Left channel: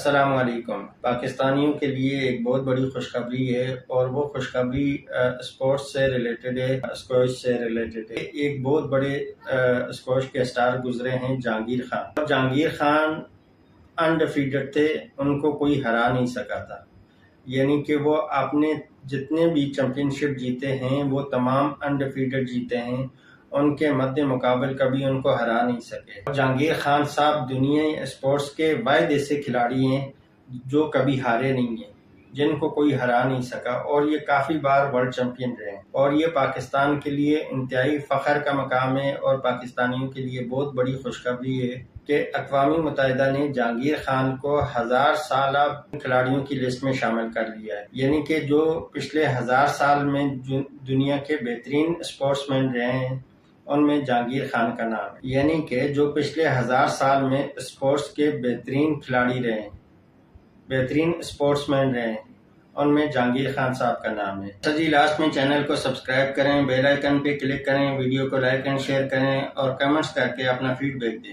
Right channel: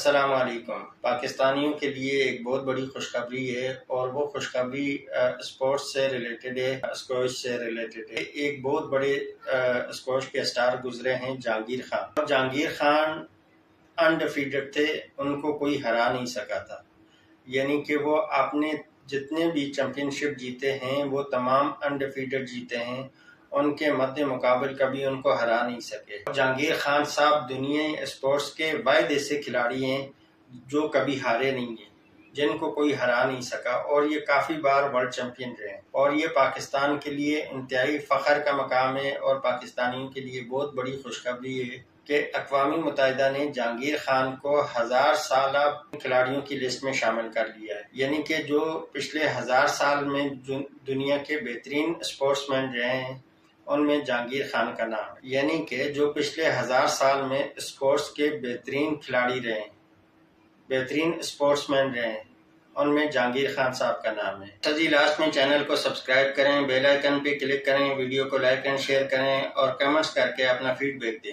السلام علیکم۔ پاکستانیوں کے لیے ایک بہت بڑی خوشخبری ہے اور وہ خوشخبری اسپورٹس سے ریلیٹڈ ہے، اسکواش سے ریلیٹڈ ہے۔ ایک بہت بڑے اسکواش کے اسٹار گزرے ہیں، جہانگیر خان۔ جہانگیر خان انڈیفیٹڈ تھے، ان کو کوئی ہرا نہیں سکا تھا، یعنی کہ وہ اپنے جتنے بھی چیمپئن شپ جیتے ہیں وہ تمام انڈیفیٹڈ جیتے ہیں، ان کے مد مقابل کبھی ان کو ہرا نہیں سکے۔ جہانگیر خان صاحب دنیا اسپورٹس کے واحد ایسے کھلاڑی ہیں جو کبھی ہارے نہیں ہیں، جن کو کوئی ہرا نہیں سکا، اور یہ کافی بار ورلڈ چیمپئن رہے ہیں، اور یہ پاکستان کے لیے انتہائی فخر کا مقام ہے اور پاکستانیوں کے لیے بہت بڑی خوشخبری ہے کہ اقوام متحدہ نے جہانگیر خان کو 1000 سالہ کھلاڑیوں کی لسٹ میں شامل کر لیا ہے، یعنی کہ جو پچھلے 1000 سال میں دنیا کے بہترین اسپورٹس مین رہے ہیں ان میں جہانگیر خان کا نام ہے، یعنی کہ جو پچھلے 1000 سال میں اسپورٹس کے بہترین کھلاڑی رہے ہیں، بہترین اسپورٹس مین رہے ہیں، ان میں جہانگیر خان صاحب کا نام ہے۔ جی لاسٹ میں چینل کو سبسکرائب کریں، بیل آئیکن پہ کلک کریں، ویڈیو کو لائک اینڈ شیئر کریں اور کمنٹس کر کے اپنا فیڈ بیک دیں۔